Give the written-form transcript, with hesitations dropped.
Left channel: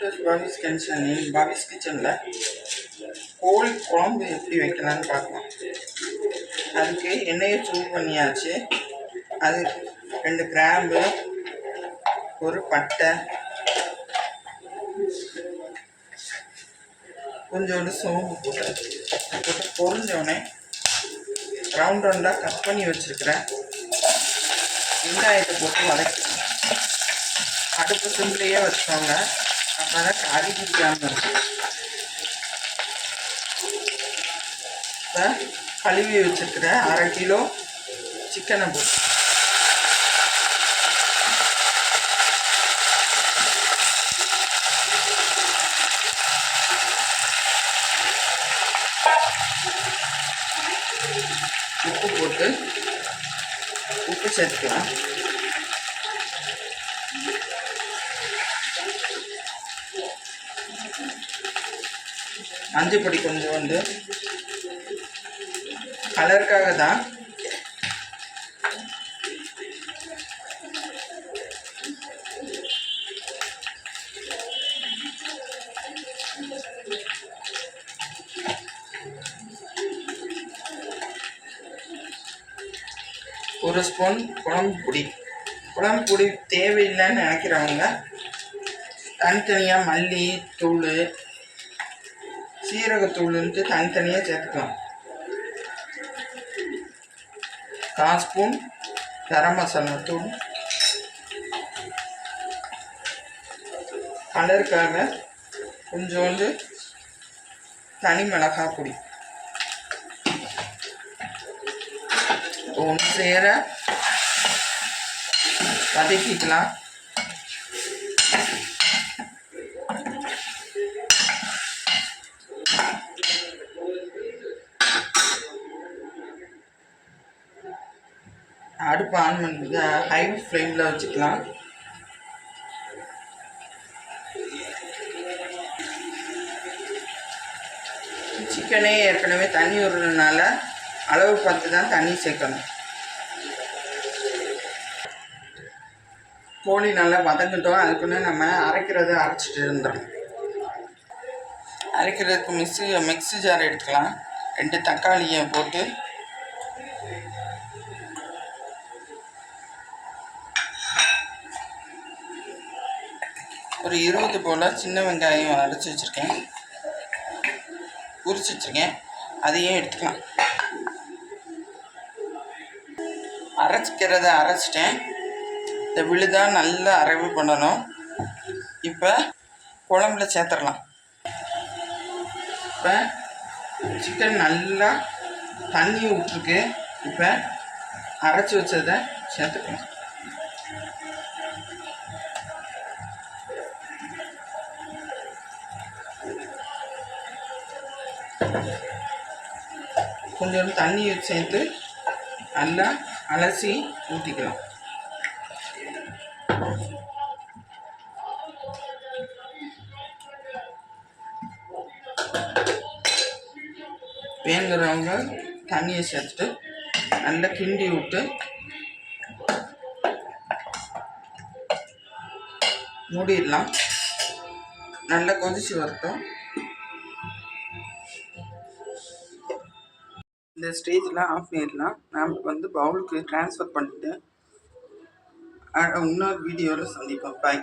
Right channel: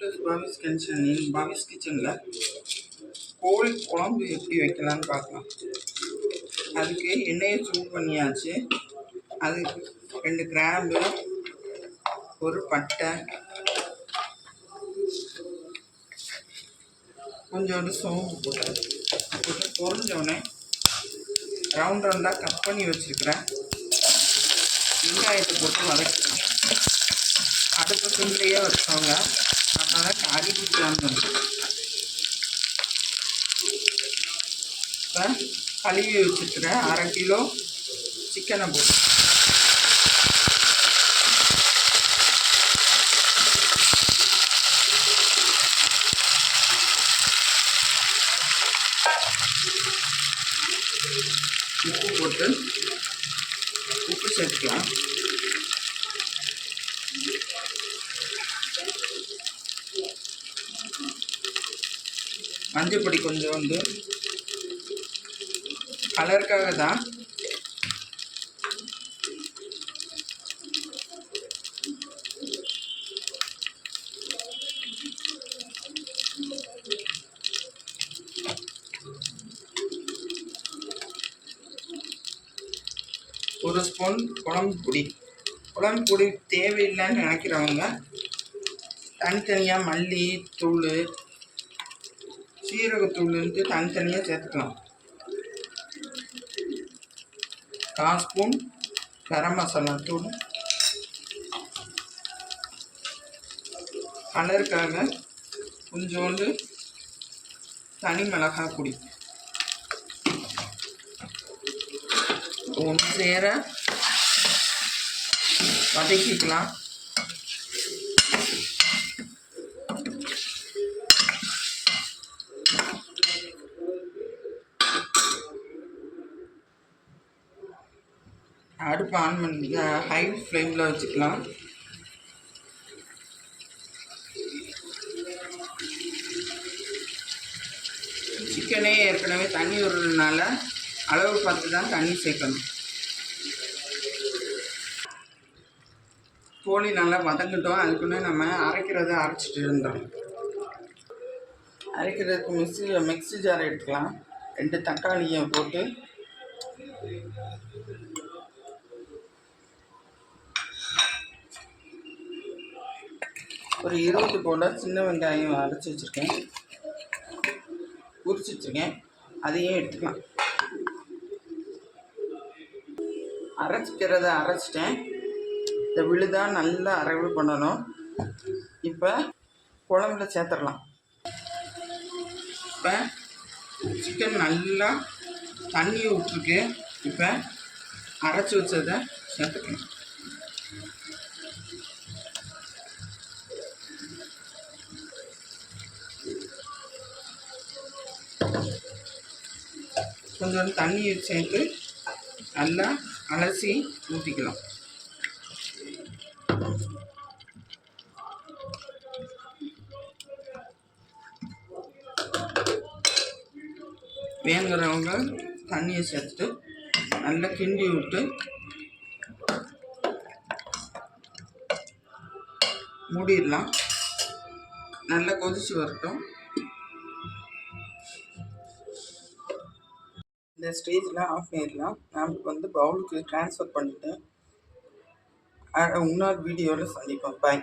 பாபிஸ் கிச்சனில் பாபிஸ் கிச்சனில் கோழி குழம்பு எப்படி வைக்கலான்னு பார்க்கலாம். அதுக்கு எண்ணெயை சூடு பண்ணியாச்சு. அது 2 கிராம்பு, ஒரு பட்டை, கொஞ்சோண்டு சோம்பு போட்டு பொரிஞ்சோடனே ரவுண்ட் ரவுண்டாக கட் பண்ணி வச்சுருக்கிறேன் வெங்காயத்தை போட்டு வதக்கணும். அடுப்பு சிம்லேயே வச்சோங்க, அப்போ தான் கறி பிடிக்காமல் இருக்கும். இப்போ கழுவி வச்சுருக்கிறேன் 1/2 கிலோ சிக்கனை போட்டு உப்பு சேர்த்துக்கலாம். மஞ்சள் பொடி கொஞ்சோண்டு கலருக்காக தான். ஒரு ஸ்பூன் குழம்பு பொடி தேவையில்லைன்னு நினைக்கிறவங்க தனித்தனியாக மல்லி தூள், சீரகத்தூள்ன்ட்டு தனித்தனியாக சேர்த்துக்கலாம். 1/4 ஸ்பூன் கரம் மசாலா தூள், கலருக்காக கொஞ்சோண்டு தனி மிளகாய் பொடி ஒன்று சேர வதக்கிக்கலாம். அடுப்பு ஆன் பண்ணி ஹை ஃப்ளேமில் வச்சுக்கலாம். சிக்கனே ஏற்கனவே தண்ணி விடுறதுனால அளவு பார்த்து தான் தண்ணி சேர்க்கணும். கோழி நல்லா வதங்கிட்டோம். அதுக்குன்னு நம்ம அரைச்சிட்டு இருந்தோம். அரைக்கிறதுக்கு மிக்ஸி ஜார் எடுத்துக்கலாம். 2 தக்காளியை போட்டு ஒரு 20 போல் சின்ன வெங்காயம் உரிச்சு வச்சுருக்கேன். அதையும் எடுத்துக்கலாம். அரைச்சிட்டேன். இந்த விழுதாக நல்லா அரைவு பண்ணணும். இப்போ குழம்புல சேர்த்துடலாம். இப்போ சிக்கன் நல்லா தண்ணி விட்டுருக்கு. இப்போ அரைச்சி வச்சதை சேர்த்துக்கலாம். கொஞ்சோண்டு தண்ணி சேர்த்து நல்லா அலசி ஊற்றிக்கலாம். வேணுங்கிறவங்க தண்ணியை சேர்த்துட்டு நல்லா கிண்டி விட்டு மூடிடலாம். நல்லா கொதிச்சு வரட்டும். இந்த ஸ்டேஜில் ஆஃப் பண்ணிடலாம். நான் பவுலுக்கு ட்ரான்ஸ்ஃபர் பண்ணிவிட்டு இன்னொரு வீடியோவில் சந்திப்போம். பாய்.